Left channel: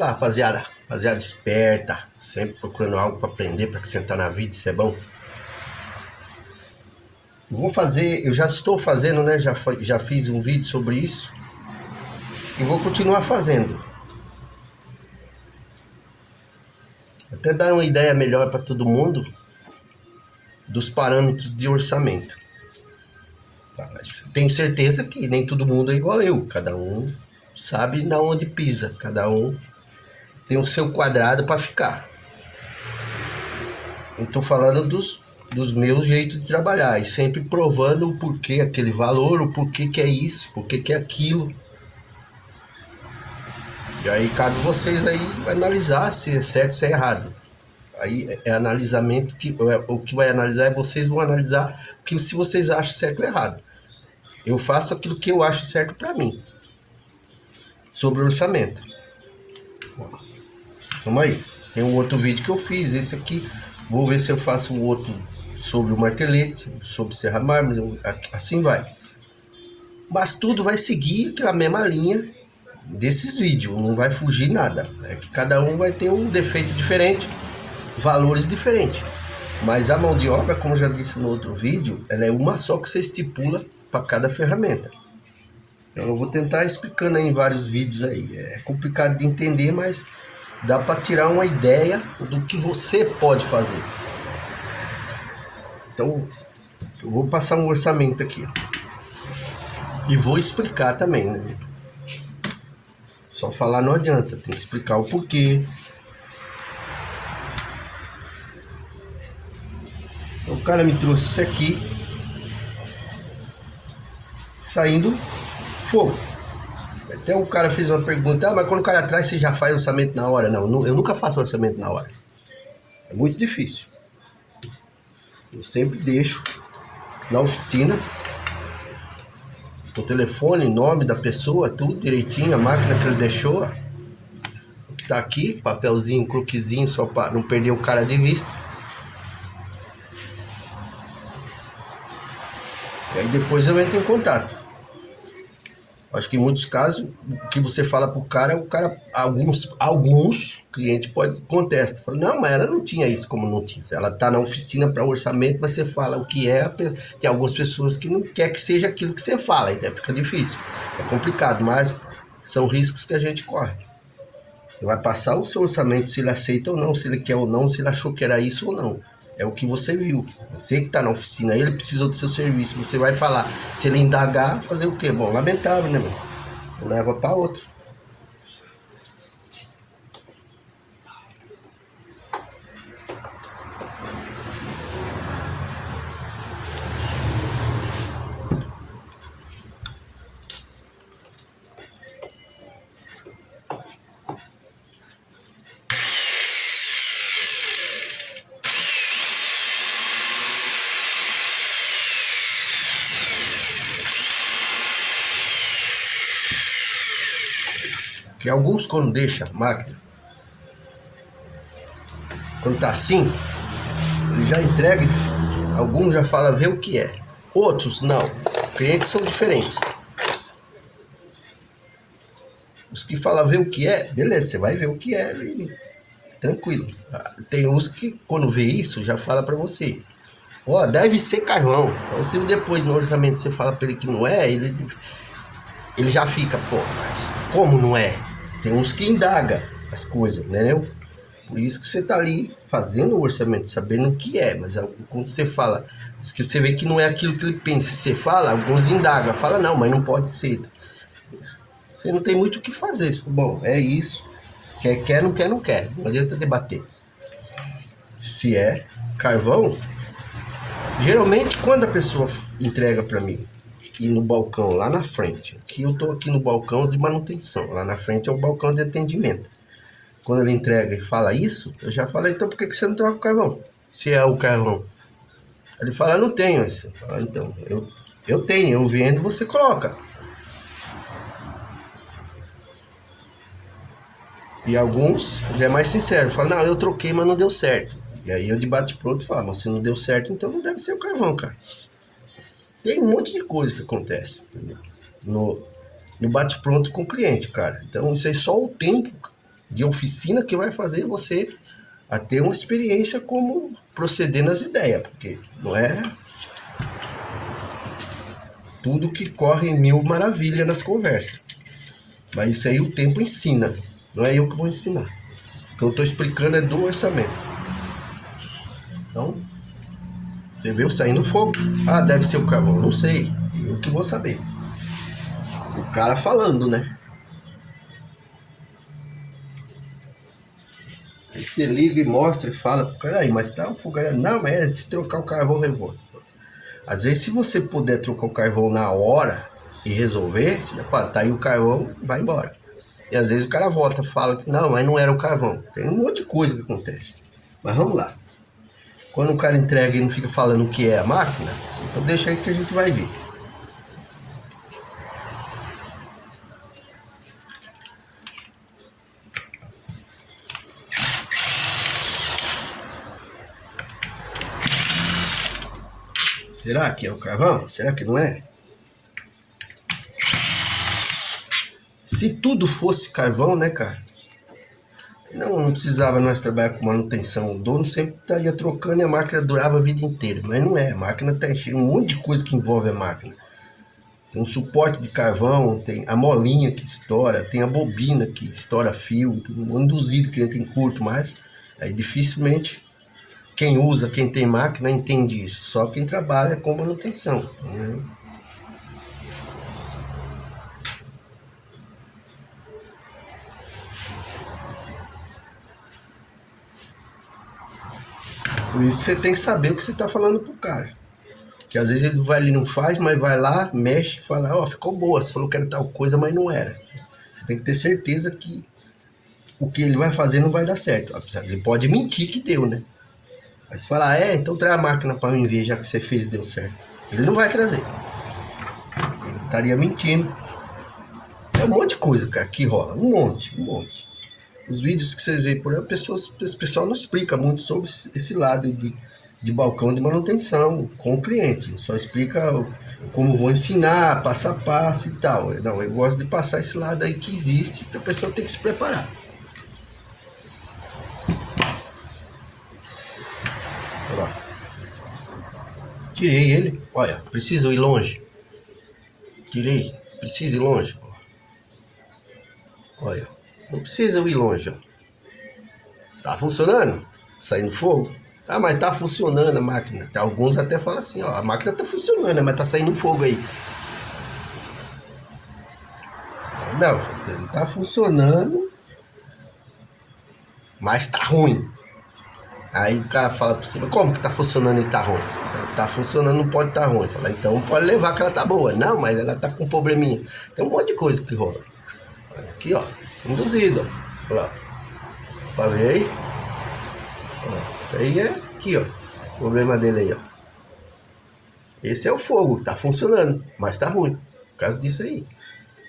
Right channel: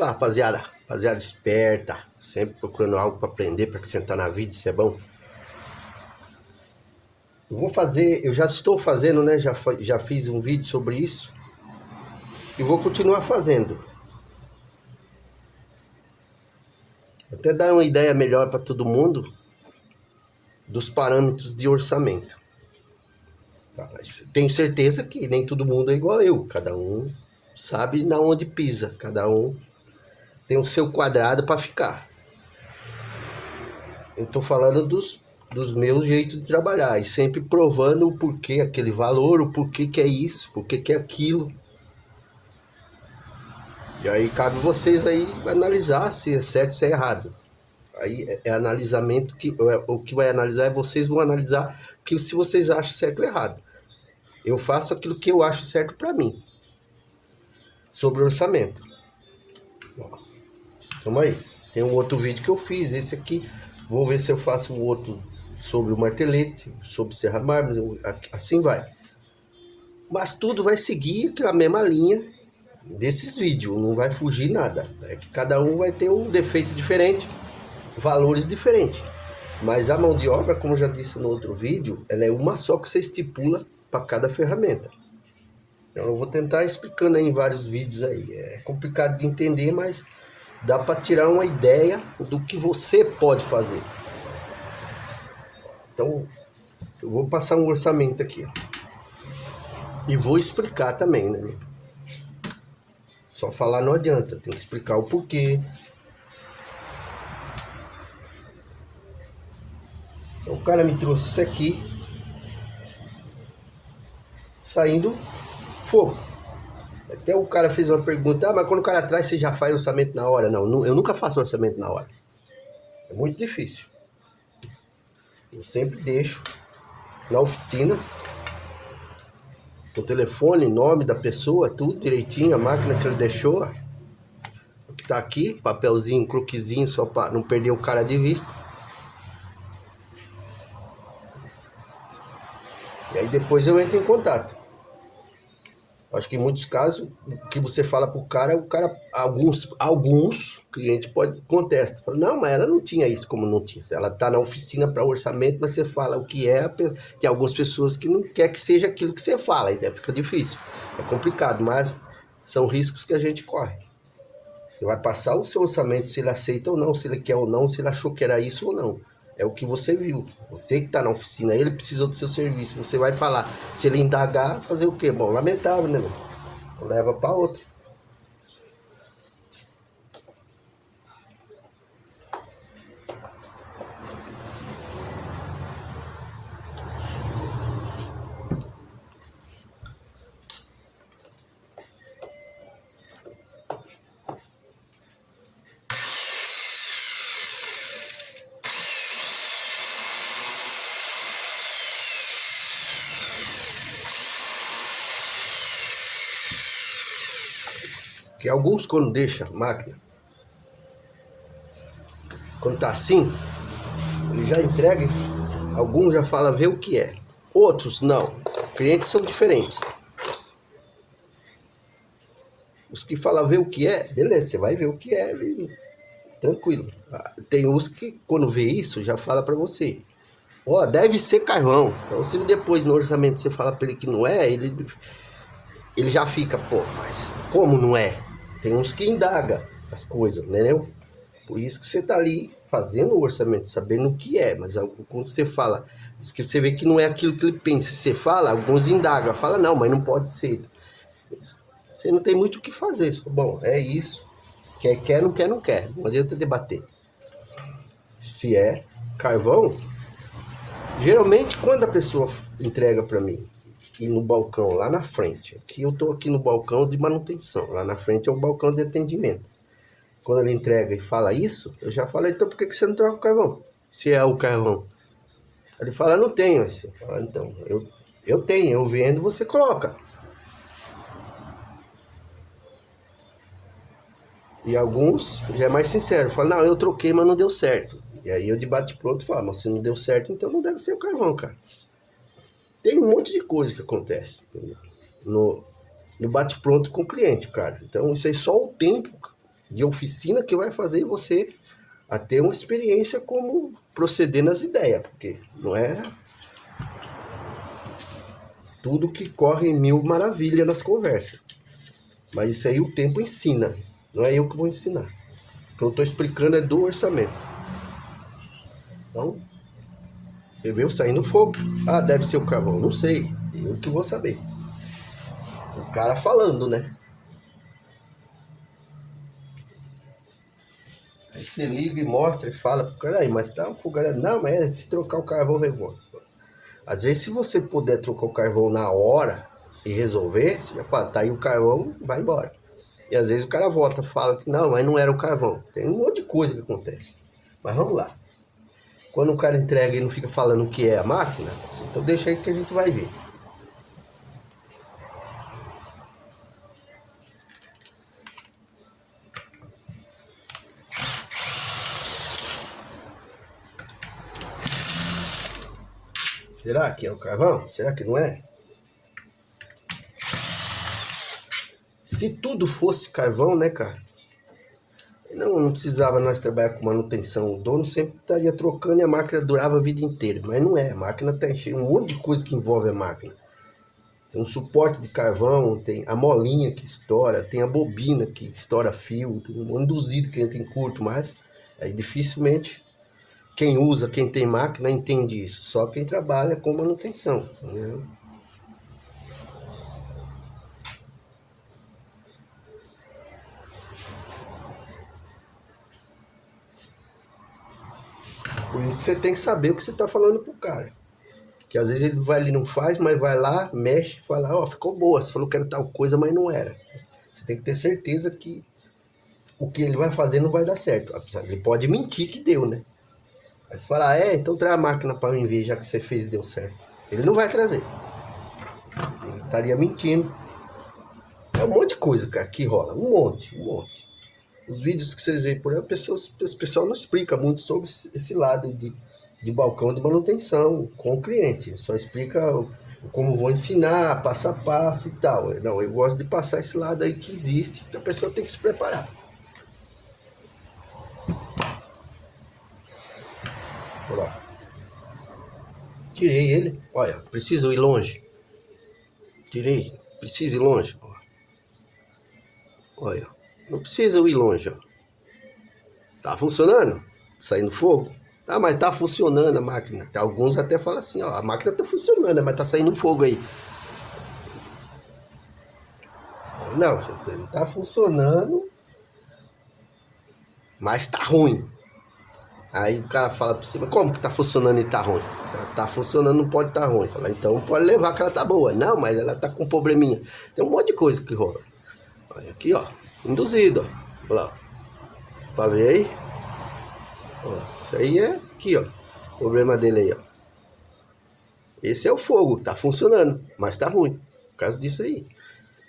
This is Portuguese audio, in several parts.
Ah, rapaziada esperta, sempre procurando algo para aprender, para acrescentar na vida, isso é bom. Eu já estou fazendo, né? Já fiz um vídeo sobre isso e vou continuar fazendo. Até dar uma ideia melhor para todo mundo dos parâmetros de orçamento. Tá, mas tenho certeza que nem todo mundo é igual eu, cada um sabe na onde pisa, cada um tem o seu quadrado para ficar. Eu tô falando dos meus jeitos de trabalhar e sempre provando o porquê aquele valor, o porquê que é isso, porquê que é aquilo. E aí cabe vocês aí analisar se é certo ou se é errado. Aí é analisamento que o que vai analisar é vocês vão analisar que se vocês acham certo ou errado. Eu faço aquilo que eu acho certo para mim sobre orçamento. Vamos aí. Tem um outro vídeo que eu fiz, esse aqui. Vou ver se eu faço um outro sobre o martelete, sobre serra mármore, assim vai. Mas tudo vai seguir aquela mesma linha desses vídeos, não vai fugir nada. É que cada um vai ter um defeito diferente, valores diferentes. Mas a mão de obra, como já disse no outro vídeo, ela é uma só que você estipula para cada ferramenta. Então eu vou tentar explicando aí em vários vídeos aí. É complicado de entender, mas dá para tirar uma ideia do que você pode fazer. Então eu vou passar um orçamento aqui. E vou explicar também, né? Só falar não adianta, tem que explicar o porquê. O cara me trouxe isso aqui, saindo fogo. Até o cara fez uma pergunta, mas quando o cara traz, você já faz orçamento na hora? Não, eu nunca faço orçamento na hora. É muito difícil. Eu sempre deixo na oficina, o telefone, nome da pessoa, tudo direitinho, a máquina que ele deixou, o que tá aqui, papelzinho, croquisinho, só para não perder o cara de vista. E aí depois eu entro em contato. Acho que em muitos casos, o que você fala pro cara, alguns clientes contestam. Fala, não, mas ela não tinha isso como não tinha. Ela tá na oficina para orçamento, mas você fala o que é. Tem algumas pessoas que não quer que seja aquilo que você fala, aí fica difícil. É complicado, mas são riscos que a gente corre. Você vai passar o seu orçamento, se ele aceita ou não, se ele quer ou não, se ele achou que era isso ou não. É o que você viu. Você que está na oficina, ele precisou do seu serviço. Você vai falar. Se ele indagar, fazer o quê? Bom, lamentável, né, meu? Leva para outro. Porque alguns, quando deixa a máquina, quando tá assim, ele já entrega, alguns já falam ver o que é. Outros não. Clientes são diferentes. Os que falam ver o que é, beleza, você vai ver o que é, tranquilo. Tem uns que, quando vê isso, já fala para você. Ó, deve ser carvão. Então, se depois no orçamento você fala para ele que não é, ele já fica, pô, mas como não é? Tem uns que indaga as coisas, entendeu? Por isso que você tá ali fazendo o orçamento, sabendo o que é, mas quando você fala, que você vê que não é aquilo que ele pensa, você fala, alguns indagam, fala, não, mas não pode ser. Você não tem muito o que fazer. Bom, é isso. Quer, não quer, não quer. Não adianta debater. Se é carvão, geralmente quando a pessoa entrega para mim, e no balcão lá na frente, aqui eu tô aqui no balcão de manutenção, lá na frente é o balcão de atendimento. Quando ele entrega e fala isso, eu já falei, então por que você não troca o carvão? Se é o carvão. Ele fala, não tenho esse. Eu falo, então, eu tenho, eu vendo, você coloca. E alguns já é mais sincero, falam, não, eu troquei, mas não deu certo. E aí eu de bate pronto falo, mas se não deu certo, então não deve ser o carvão, cara. Tem um monte de coisa que acontece no bate pronto com o cliente, cara. Então isso é só o tempo de oficina que vai fazer você a ter uma experiência como proceder nas ideias, porque não é tudo que corre mil maravilhas nas conversas. Mas isso aí o tempo ensina, não é eu que vou ensinar. O que eu estou explicando é do orçamento. Então, você viu saindo fogo. Ah, deve ser o carvão. Não sei, eu que vou saber. O cara falando, né? Aí você liga e mostra e fala pro cara, aí, mas tá um fogo. Não, mas se trocar o carvão, revolve. Às vezes, se você puder trocar o carvão na hora e resolver, você já fala, tá aí o carvão, vai embora. E às vezes o cara volta e fala que não, mas não era o carvão. Tem um monte de coisa que acontece. Mas vamos lá. Quando o cara entrega e não fica falando o que é a máquina, então deixa aí que a gente vai ver. Será que é o carvão? Será que não é? Se tudo fosse carvão, né, cara? Não precisava nós trabalhar com manutenção. O dono sempre estaria trocando e a máquina durava a vida inteira. Mas não é. A máquina tem cheio um monte de coisa que envolve a máquina. Tem um suporte de carvão, tem a molinha que estoura, tem a bobina que estoura fio, tem um induzido que entra em curto, mas aí dificilmente quem usa, quem tem máquina entende isso. Só quem trabalha com manutenção, né? Por isso você tem que saber o que você está falando pro cara. Que às vezes ele vai ali e não faz, mas vai lá, mexe, fala, ó, ficou boa, você falou que era tal coisa, mas não era. Você tem que ter certeza que o que ele vai fazer não vai dar certo. Ele pode mentir que deu, né? Mas você fala, então traz a máquina para mim ver, já que você fez e deu certo. Ele não vai trazer. Ele estaria mentindo. É um monte de coisa, cara, que rola. Um monte. Os vídeos que vocês veem por aí, o pessoal não explica muito sobre esse lado de balcão de manutenção com o cliente. Só explica como vou ensinar, passo a passo e tal. Não, eu gosto de passar esse lado aí que existe, que a pessoa tem que se preparar. Olha lá. Tirei ele. Olha, preciso ir longe. Tirei. Preciso ir longe. Olha, não precisa ir longe, ó. Tá funcionando? Saindo fogo? Ah, mas tá funcionando a máquina. Alguns até falam assim, ó, a máquina tá funcionando, mas tá saindo fogo aí. Não, ele tá funcionando, mas tá ruim. Aí o cara fala pra você, mas como que tá funcionando e tá ruim? Se ela tá funcionando, não pode tá ruim. Fala, então pode levar que ela tá boa. Não, mas ela tá com um probleminha. Tem um monte de coisa que rola. Olha aqui, ó, induzido, ó. Olha lá. Pra ver aí? Ó, isso aí é aqui, ó. O problema dele aí, ó. Esse é o fogo, tá funcionando, mas tá ruim. Por causa disso aí.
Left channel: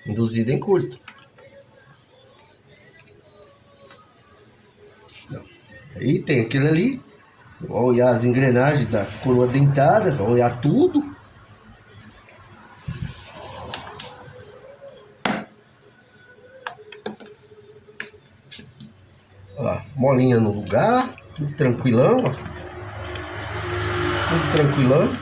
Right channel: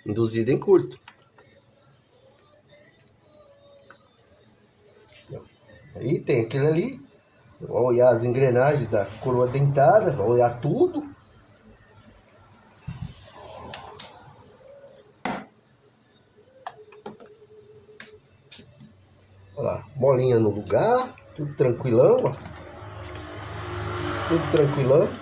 Induzido em curto. Aí tem aquele ali. Vamos olhar as engrenagens da coroa dentada. Vamos olhar tudo. Ó, molinha no lugar. Tudo tranquilão, ó. Tudo tranquilão.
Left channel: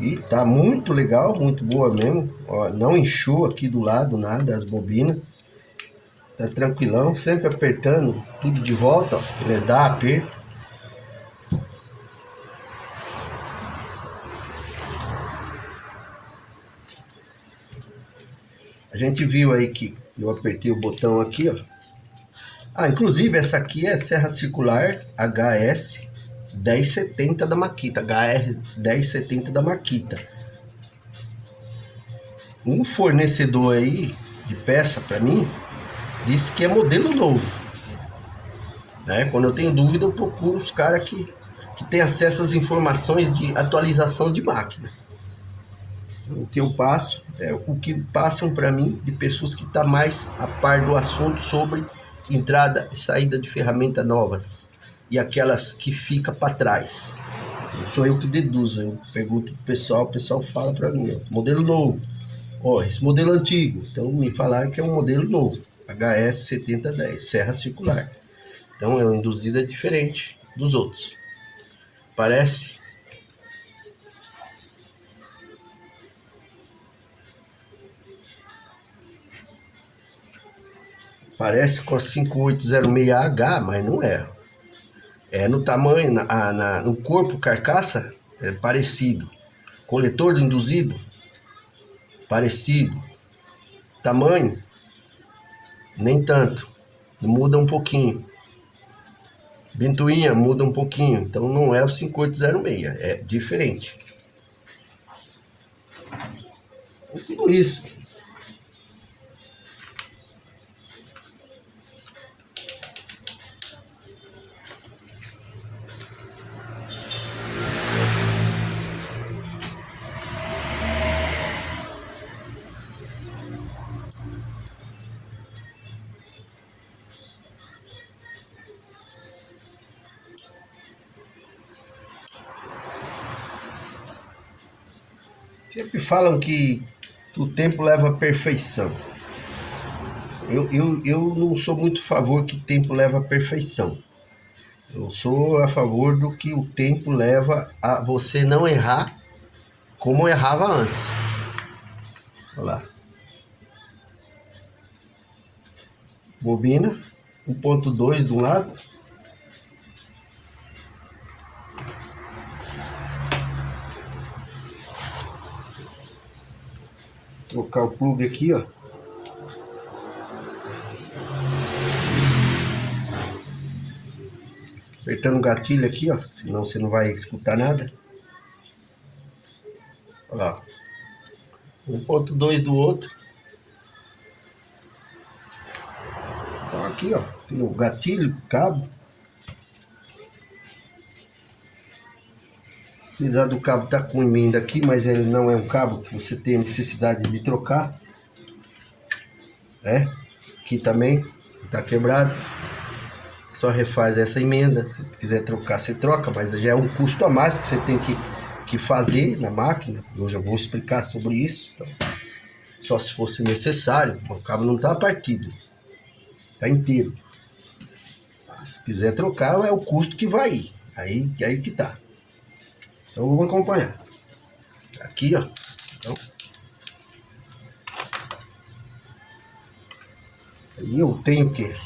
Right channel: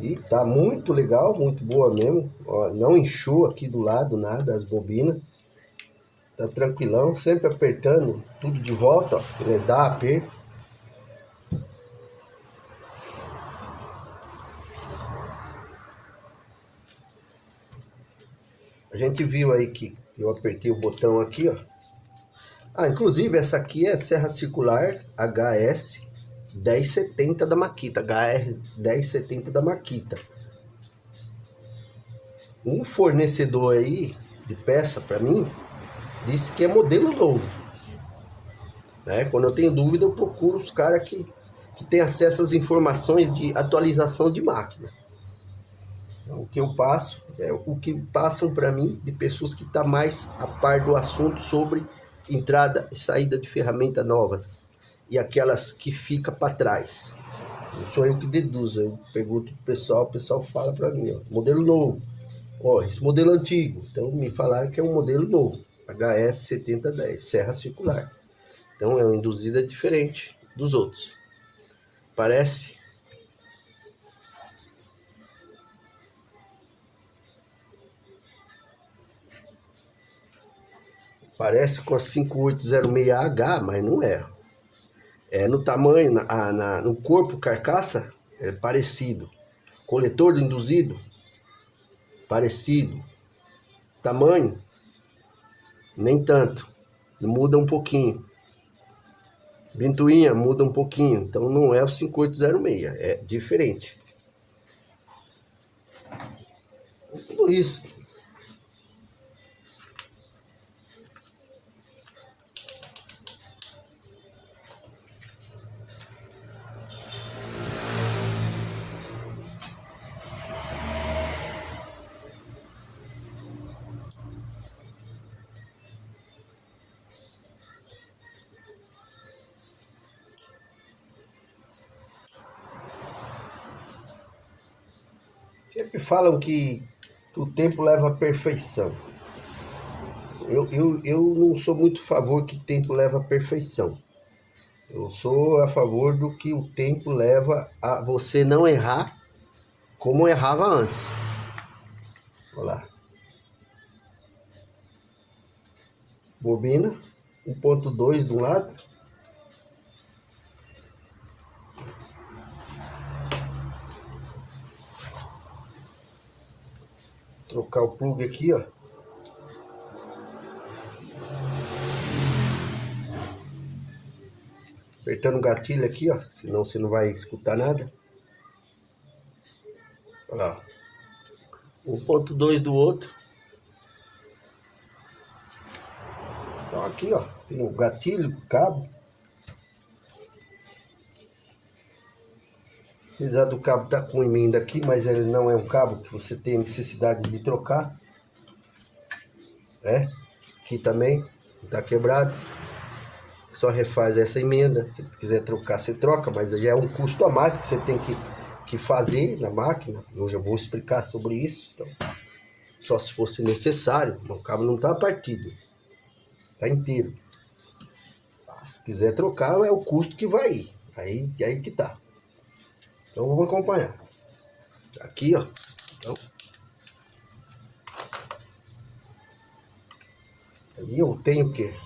E tá muito legal, muito boa mesmo. Ó, não inchou aqui do lado nada as bobinas. Tá tranquilão, sempre apertando tudo de volta, ó. Ele dá aperto. A gente viu aí que eu apertei o botão aqui, ó. Ah, inclusive essa aqui é serra circular HS 1070 da Makita, HR 1070 da Makita. Um fornecedor aí de peça para mim disse que é modelo novo, né? Quando eu tenho dúvida eu procuro os caras que tem acesso às informações de atualização de máquina. O que eu passo é o que passam para mim de pessoas que estão mais a par do assunto sobre entrada e saída de ferramentas novas e aquelas que ficam para trás. Não sou eu que deduzo, eu pergunto pro pessoal, o pessoal fala para mim, ó, esse modelo novo, ó, esse modelo antigo. Então me falaram que é um modelo novo, HS 7010, serra circular. Então é uma induzida diferente dos outros. Parece com a 5806H, mas não é. É no tamanho, no corpo carcaça, é parecido. Coletor do induzido, parecido. Tamanho, nem tanto. Muda um pouquinho. Ventoinha muda um pouquinho. Então não é o 5806, é diferente. É tudo isso. Sempre falam que o tempo leva à perfeição. Eu não sou muito a favor que o tempo leva à perfeição. Eu sou a favor do que o tempo leva a você não errar como errava antes. Olha lá. Bobina, 1.2 de um lado. Trocar o plug aqui, ó. Apertando o gatilho aqui, ó. Senão você não vai escutar nada. Ó. 1.2 do outro. Então aqui, ó. Tem o gatilho, cabo. Apesar do cabo estar com emenda aqui, mas ele não é um cabo que você tem necessidade de trocar. Aqui também está quebrado. Só refaz essa emenda. Se quiser trocar, você troca, mas já é um custo a mais que você tem que fazer na máquina. Eu já vou explicar sobre isso. Então, só se fosse necessário. O cabo não está partido, está inteiro. Se quiser trocar, é o custo que vai ir. Aí que tá. Então vamos acompanhar. Aqui, ó. Então, aí eu tenho o quê?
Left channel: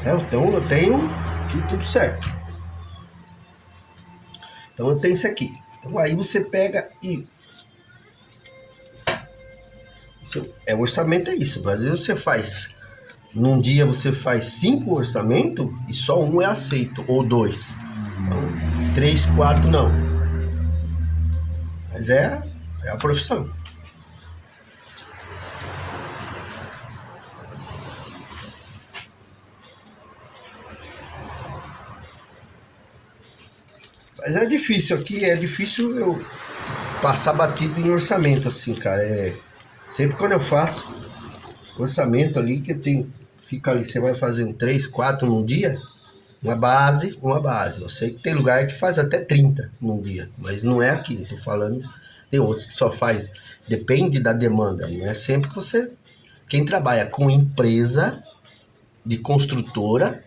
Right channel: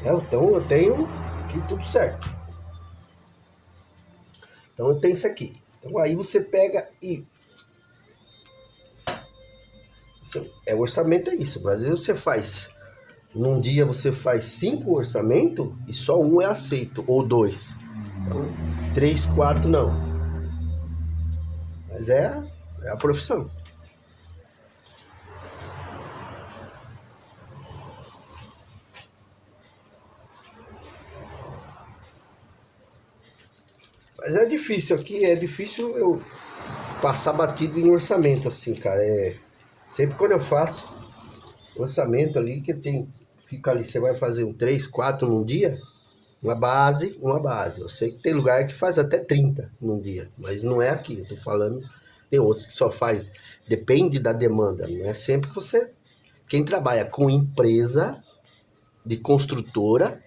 Então eu tenho aqui tudo certo. Então eu tenho isso aqui. Então aí você pega e... o orçamento é isso. Às vezes você faz... Num dia você faz 5 orçamentos e só um é aceito. Ou 2. Então, 3, 4 não. Mas é a profissão. Mas é difícil aqui, é difícil eu passar batido em orçamento assim, cara. Sempre quando eu faço orçamento ali, que fica ali, você vai fazer um 3, 4 num dia, uma base. Eu sei que tem lugar que faz até 30 num dia, mas não é aqui, eu tô falando, tem outros que só faz, depende da demanda, não é sempre que você, quem trabalha com empresa de construtora,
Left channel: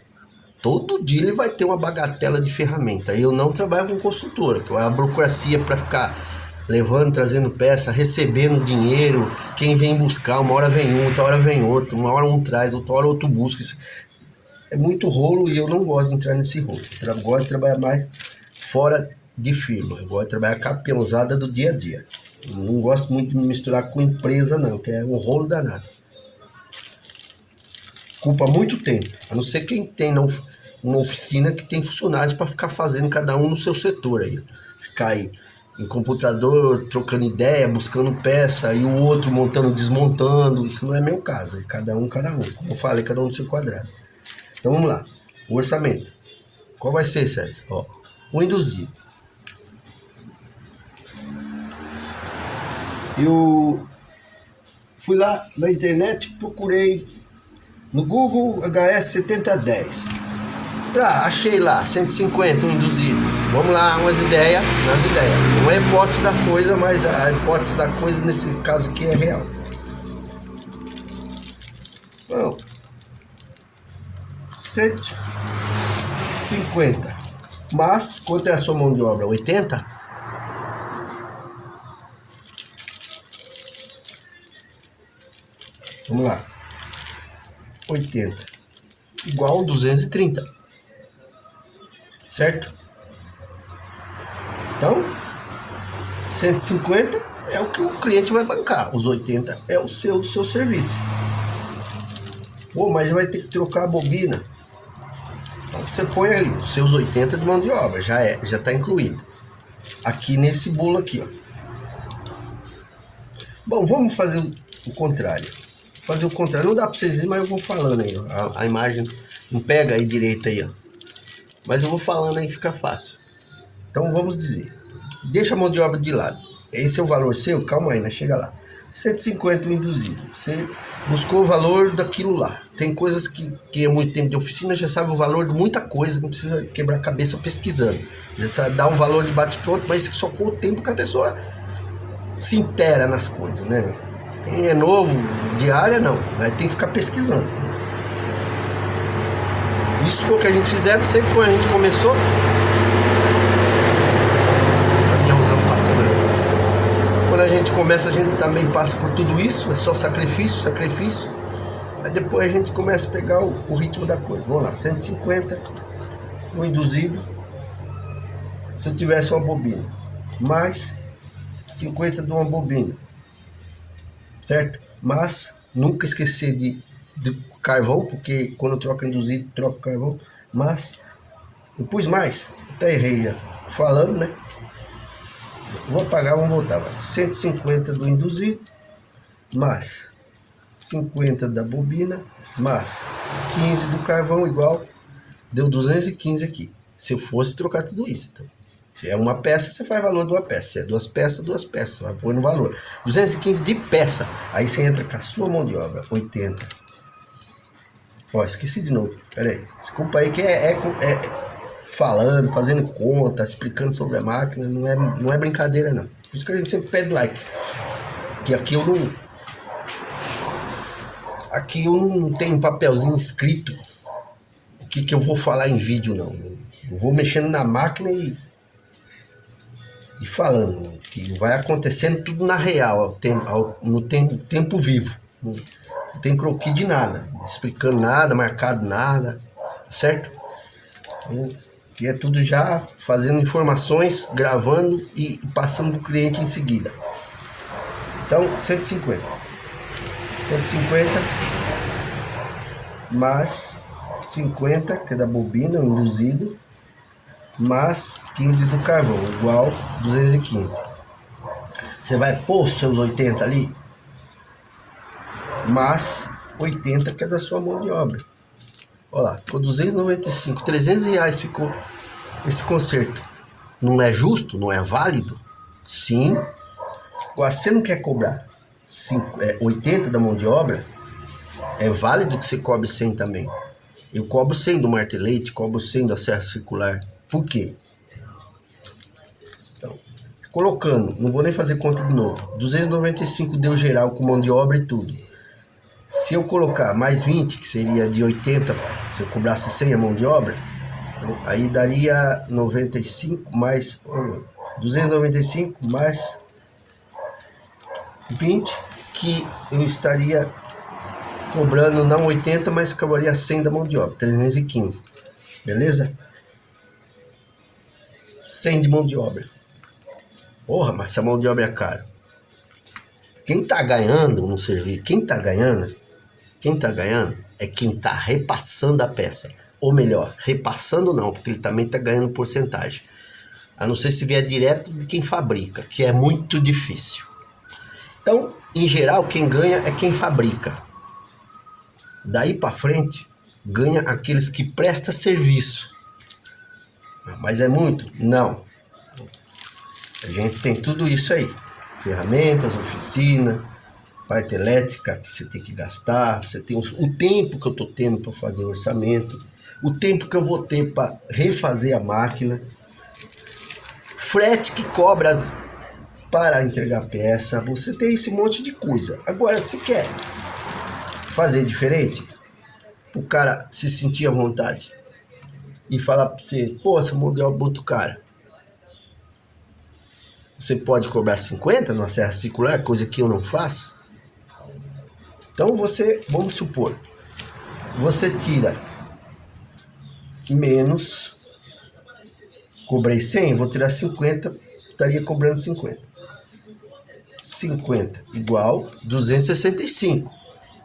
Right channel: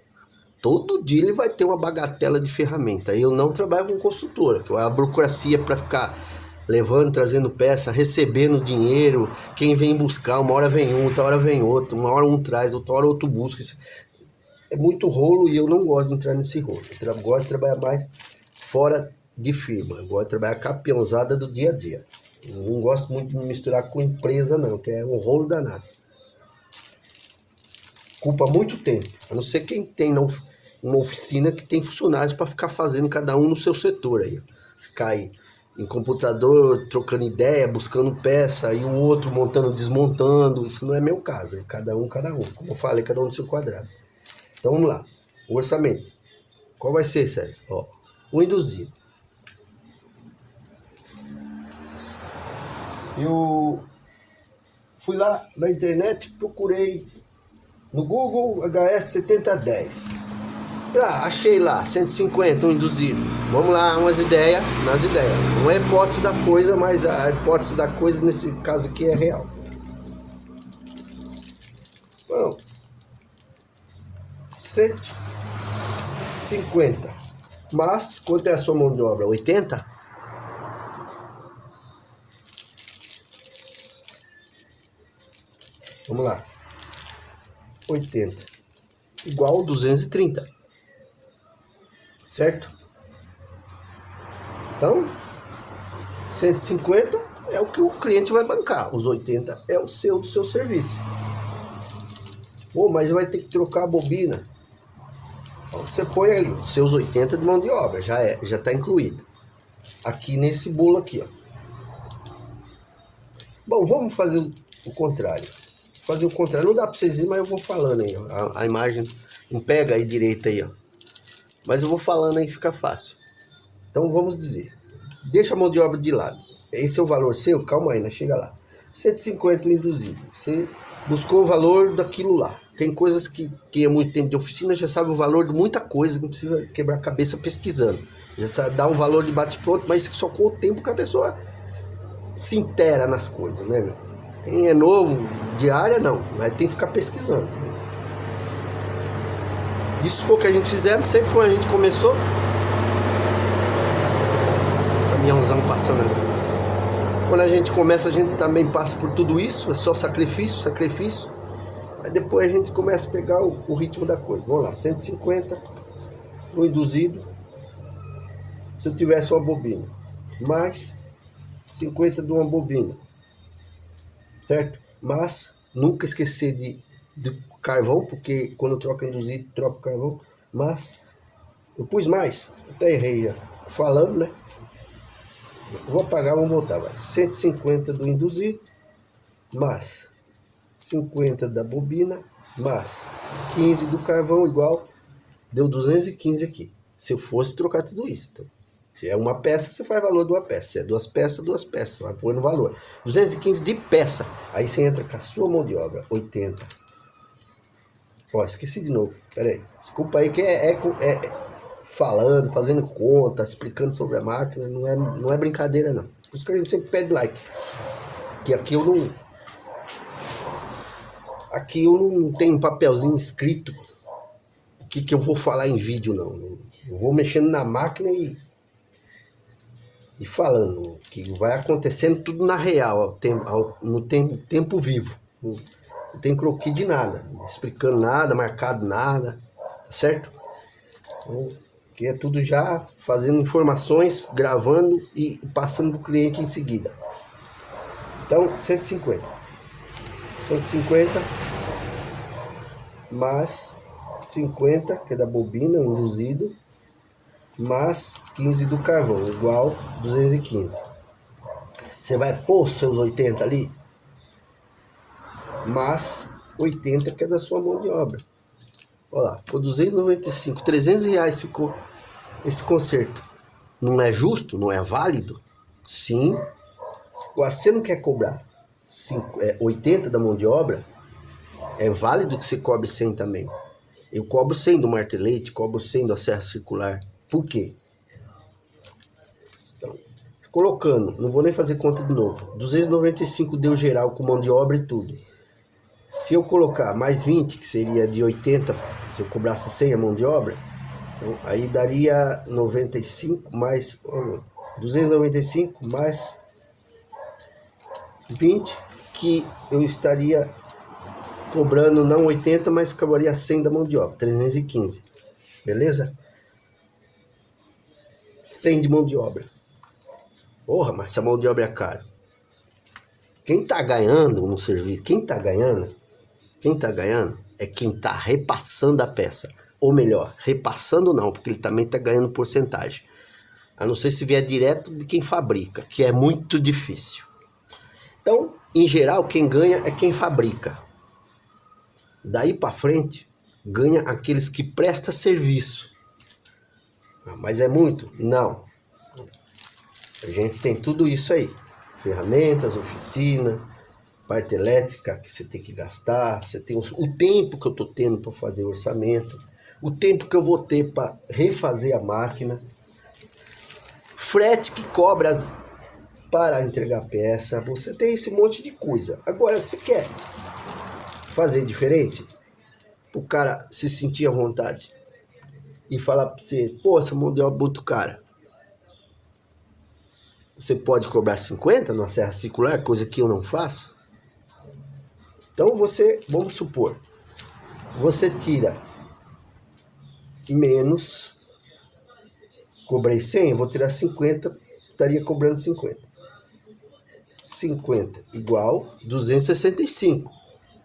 todo dia ele vai ter uma bagatela de ferramenta. Eu não trabalho com construtora, que é uma burocracia para ficar levando, trazendo peça, recebendo dinheiro, quem vem buscar, uma hora vem um, outra hora vem outro, uma hora um traz, outra hora outro busca. Isso é muito rolo e eu não gosto de entrar nesse rolo. Eu gosto de trabalhar mais fora de firma, eu gosto de trabalhar com a peãozada do dia a dia. Eu não gosto muito de me misturar com empresa não, que é um rolo danado. Ocupa muito tempo, a não ser quem tem uma oficina que tem funcionários para ficar fazendo cada um no seu setor aí. Ficar aí em computador, trocando ideia, buscando peça, e o outro montando, desmontando. Isso não é meu caso, é cada um. Como eu falei, cada um no seu quadrado. Então vamos lá, o orçamento. Qual vai ser, César? Ó, o induzido. Eu fui lá na internet, procurei no Google HS 7010. Achei lá, 150, um induzido. Vamos lá, umas ideias. Não é hipótese da coisa, mas a hipótese da coisa nesse caso aqui é real. Bom, 150. Mas, quanto é a sua mão de obra? 80? Vamos lá. 80. Igual 230. Certo? Então, 150 é o que o cliente vai bancar. Os 80 é o seu, do seu serviço. Pô, mas vai ter que trocar a bobina. Então, você põe ali os seus 80 de mão de obra. Já tá incluído. Aqui nesse bolo aqui, ó. Bom, vamos fazer o contrário. Fazer o contrário. Não dá pra vocês verem, mas eu vou falando aí, ó. A imagem não pega aí direita aí, ó. Mas eu vou falando aí, fica fácil. Então vamos dizer. Deixa a mão de obra de lado. Esse é o valor seu? Calma aí, né? Chega lá. 150 o induzido. Você buscou o valor daquilo lá. Tem coisas que é muito tempo de oficina, já sabe o valor de muita coisa, não precisa quebrar a cabeça pesquisando. Já sabe dar um valor de bate-pronto, mas só com o tempo que a pessoa se intera nas coisas, né, meu? Quem é novo, de área, não. Vai ter que ficar pesquisando. Isso foi o que a gente fizemos sempre quando a gente começou. Caminhãozão passando ali. Quando a gente começa, a gente também passa por tudo isso. É só sacrifício, sacrifício. Aí depois a gente começa a pegar o ritmo da coisa. Vamos lá, 150 no induzido. Se eu tivesse uma bobina, mais 50 de uma bobina, certo? Mas nunca esquecer de carvão, porque quando eu troco induzido, troco carvão. Mas eu pus mais, até errei falando, né? Vou apagar, vamos botar, vai. 150 do induzido, mais 50 da bobina, mais 15 do carvão, igual, deu 215 aqui. Se eu fosse trocar tudo isso, então. Se é uma peça, você faz valor de uma peça. Se é duas peças, vai pôr no valor. 215 de peça. Aí você entra com a sua mão de obra, 80. Ó, esqueci de novo. Pera aí. Desculpa aí que é falando, fazendo conta, explicando sobre a máquina. Não é brincadeira, não. Por isso que a gente sempre pede like. Que aqui eu não tenho um papelzinho escrito o que eu vou falar em vídeo, não. Eu vou mexendo na máquina e falando que vai acontecendo tudo na real, no tempo vivo. Não tem croquis de nada, explicando nada, marcado nada, tá certo? Então, que é tudo já fazendo informações, gravando e passando para o cliente em seguida. Então, 150 mais 50, que é da bobina, o induzido, mais 15 do carvão, igual 215. Você vai pôr os seus 80 ali, mais 80 que é da sua mão de obra. Olha lá, ficou 295, 300 reais ficou esse conserto. Não é justo? Não é válido? Sim. Agora, você não quer cobrar 80 da mão de obra, é válido que você cobre 100 também. Eu cobro 100 do martelete, cobro 100 da serra circular. Por quê? Então, colocando, não vou nem fazer conta de novo, 295 deu geral com mão de obra e tudo. Se eu colocar mais 20, que seria de 80, se eu cobrasse 100 a mão de obra, então, aí daria 95 mais 295 mais 20, que eu estaria cobrando não 80, mas cobraria 100 da mão de obra, 315. Beleza? 100 de mão de obra. Porra, mas essa mão de obra é cara. Quem tá ganhando no serviço, quem tá ganhando é quem tá repassando a peça. Ou melhor, repassando não, porque ele também tá ganhando porcentagem. A não ser se vier direto de quem fabrica, que é muito difícil. Então, em geral, quem ganha é quem fabrica. Daí para frente, ganha aqueles que prestam serviço. Mas é muito? Não. A gente tem tudo isso aí. Ferramentas, oficina, parte elétrica que você tem que gastar. Você tem o tempo que eu estou tendo para fazer o orçamento. O tempo que eu vou ter para refazer a máquina. Frete que cobra para entregar peça. Você tem esse monte de coisa. Agora, se quer fazer diferente, o cara se sentir à vontade e falar para você, pô, essa mão de obra é muito cara. Você pode cobrar 50 numa serra circular, coisa que eu não faço. Então vamos supor, você tira menos, cobrei 100, vou tirar 50, estaria cobrando 50. 50 igual 265.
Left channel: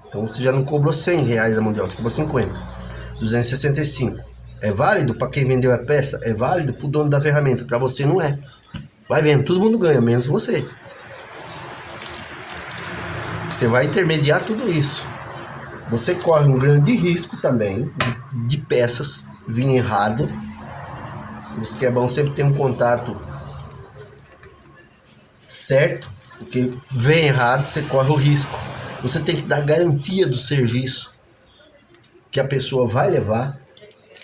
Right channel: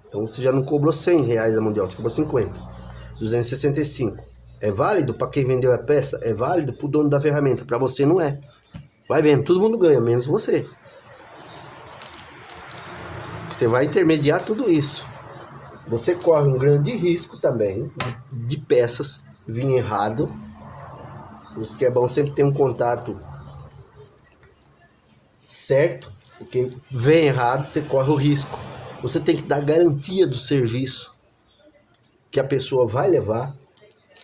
Então você já não cobrou 100 reais a mão de obra, você cobrou 50. 265. É válido para quem vendeu a peça? É válido para o dono da ferramenta, para você não é. Vai vendo, todo mundo ganha, menos você. Você vai intermediar tudo isso. Você corre um grande risco também de peças virem errado. Por isso que é bom sempre ter um contato certo, porque vem errado, você corre o risco. Você tem que dar garantia do serviço que a pessoa vai levar.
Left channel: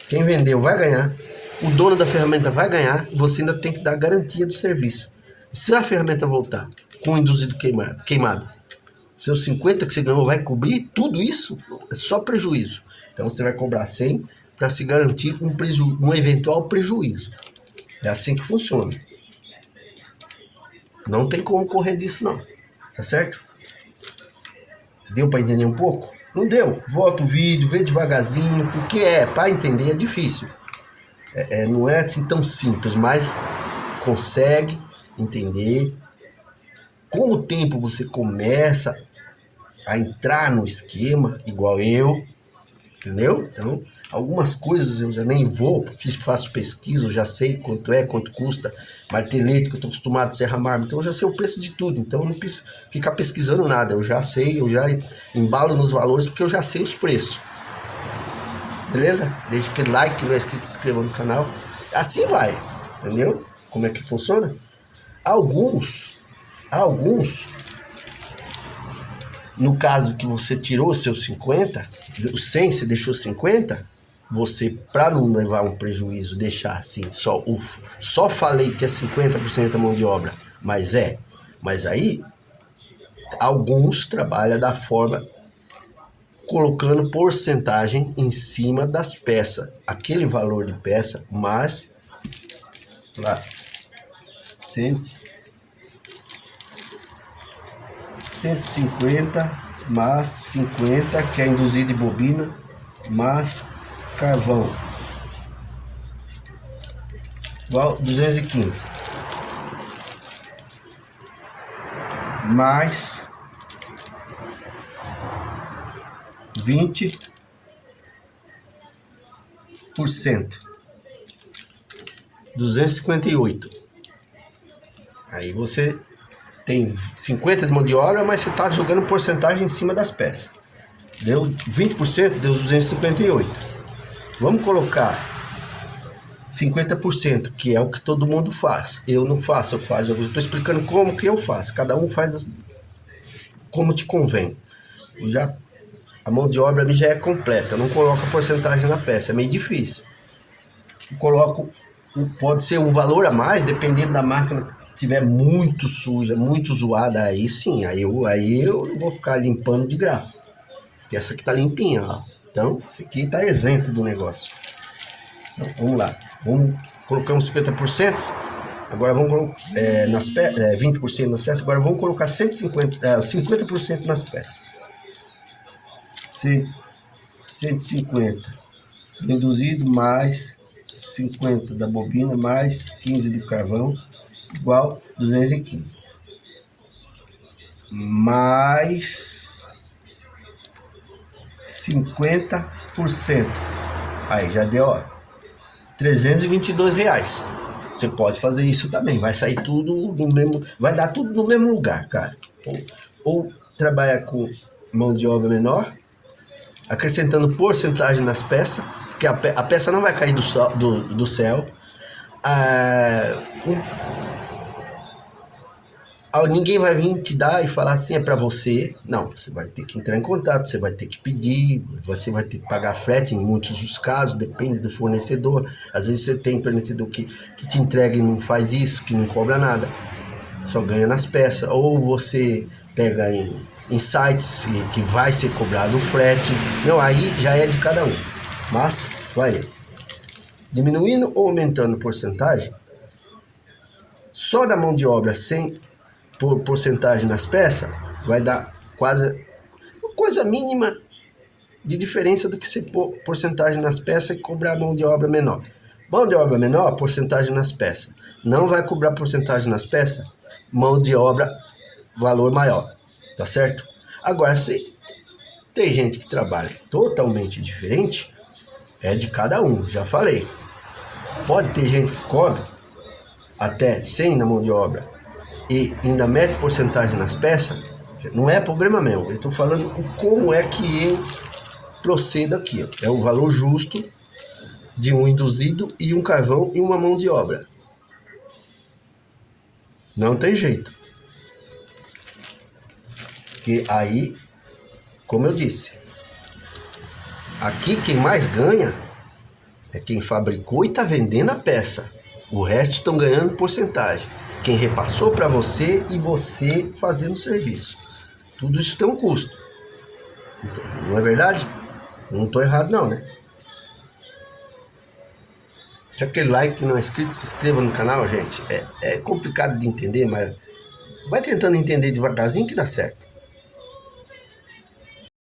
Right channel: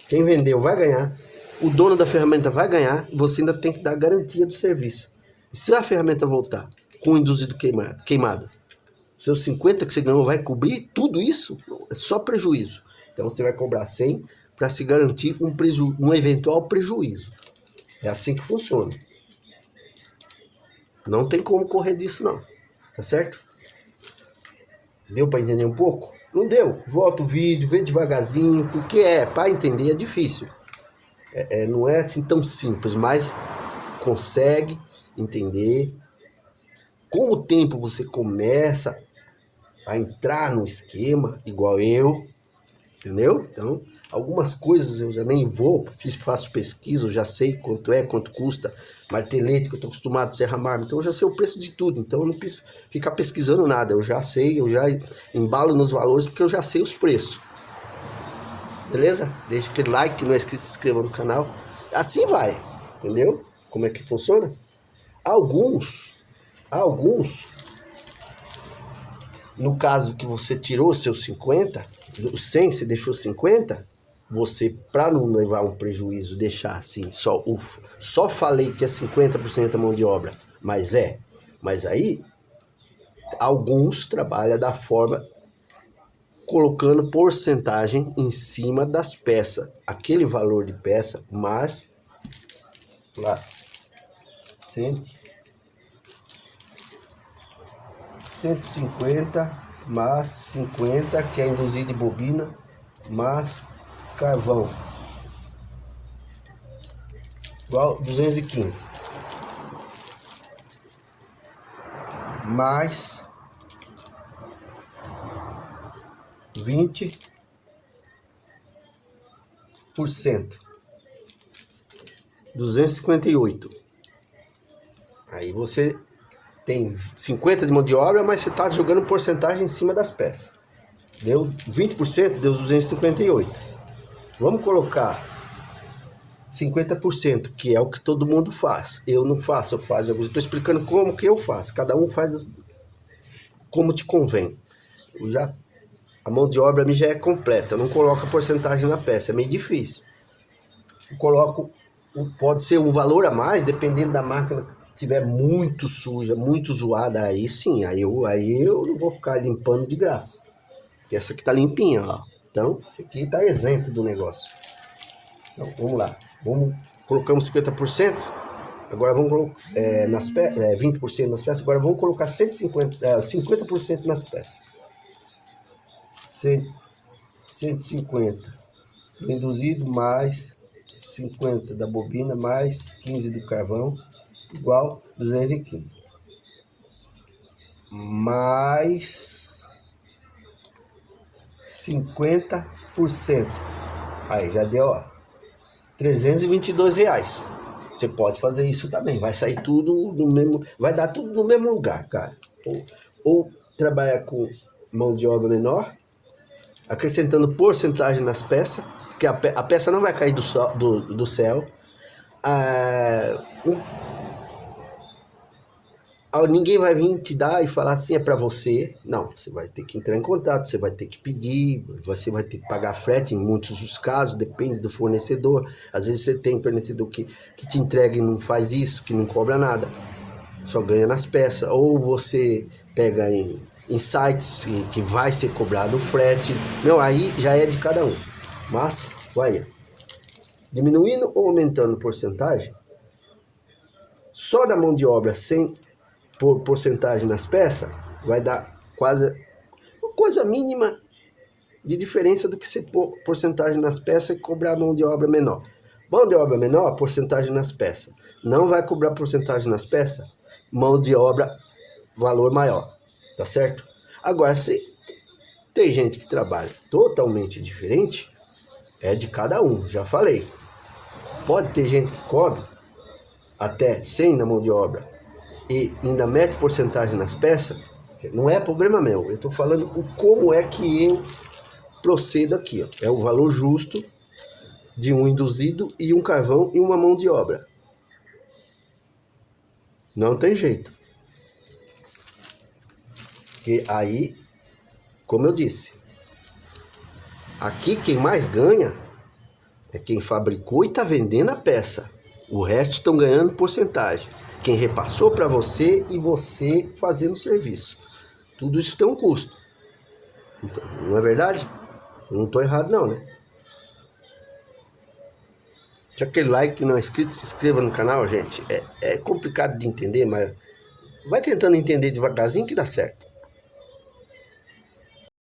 Quem vendeu vai ganhar. O dono da ferramenta vai ganhar. Você ainda tem que dar garantia do serviço. Se a ferramenta voltar com o induzido queimado, seus 50 que você ganhou vai cobrir tudo isso? É só prejuízo. Então você vai cobrar 100 para se garantir um eventual prejuízo. É assim que funciona. Não tem como correr disso não. Tá certo? Deu para entender um pouco? Não deu? Volta o vídeo, vê devagarzinho, porque para entender é difícil. Não é assim tão simples, mas consegue entender. Com o tempo você começa a entrar no esquema, igual eu, entendeu? Então, algumas coisas eu já nem vou, faço pesquisa, eu já sei quanto custa, martelete, que eu tô acostumado a serrar mármore, então eu já sei o preço de tudo, então eu não preciso ficar pesquisando nada, eu já sei, eu já embalo nos valores, porque eu já sei os preços. Beleza? Deixa aquele like, que não é inscrito, se inscreva no canal. Assim vai, entendeu? Como é que funciona? Alguns, no caso que você tirou os seus 50, os 100 você deixou 50, você, para não levar um prejuízo, deixar assim, só falei que é 50% da mão de obra, mas aí, alguns trabalham da forma colocando porcentagem em cima das peças, aquele valor de peça, mas lá, 150 mais 50, que é induzido de bobina, mais carvão, igual 215, mais 20%, 258. Aí você tem 50 de mão de obra, mas você está jogando porcentagem em cima das peças. Deu 20%, deu 258. Vamos colocar 50%, que é o que todo mundo faz. Eu não faço, eu estou explicando como que eu faço. Cada um faz como te convém. A mão de obra a mim já é completa, não coloco porcentagem na peça, é meio difícil. Eu coloco, pode ser um valor a mais, dependendo da máquina que tiver muito suja, muito zoada, aí sim, aí eu não vou ficar limpando de graça. Porque essa aqui tá limpinha, ó. Então, esse aqui tá isento do negócio. Então, vamos lá, colocamos 50%, agora vamos colocar 20% nas peças, agora vamos colocar 50% nas peças. 150 do induzido mais 50 da bobina mais 15 do carvão igual 215 mais 50%, aí já deu, ó, R$322. Você pode fazer isso também, vai sair tudo no mesmo, vai dar tudo no mesmo lugar, cara. Ou trabalhar com mão de obra menor, acrescentando porcentagem nas peças, porque a peça não vai cair do céu. Ninguém vai vir te dar e falar assim, é para você. Não, você vai ter que entrar em contato, você vai ter que pedir, você vai ter que pagar frete em muitos dos casos, depende do fornecedor. Às vezes você tem fornecedor que te entrega e não faz isso, que não cobra nada, só ganha nas peças. Ou você pega insights que vai ser cobrado o frete. Não, aí já é de cada um. Mas, vai diminuindo ou aumentando porcentagem, só da mão de obra sem porcentagem nas peças, vai dar quase uma coisa mínima de diferença do que se pôr porcentagem nas peças e cobrar mão de obra menor. Mão de obra menor, porcentagem nas peças. Não vai cobrar porcentagem nas peças, mão de obra, valor maior. Tá certo? Agora, se tem gente que trabalha totalmente diferente, é de cada um, já falei. Pode ter gente que cobre até 100 na mão de obra e ainda mete porcentagem nas peças, não é problema meu. Eu estou falando como é que eu procedo aqui. Ó. É um valor justo de um induzido e um carvão e uma mão de obra. Não tem jeito. E aí, como eu disse, aqui quem mais ganha é quem fabricou e está vendendo a peça. O resto estão ganhando porcentagem. Quem repassou para você e você fazendo o serviço. Tudo isso tem um custo. Não é verdade? Não estou errado não, né? Deixa aquele like, que não é inscrito, se inscreva no canal, gente. É complicado de entender, mas vai tentando entender devagarzinho que dá certo.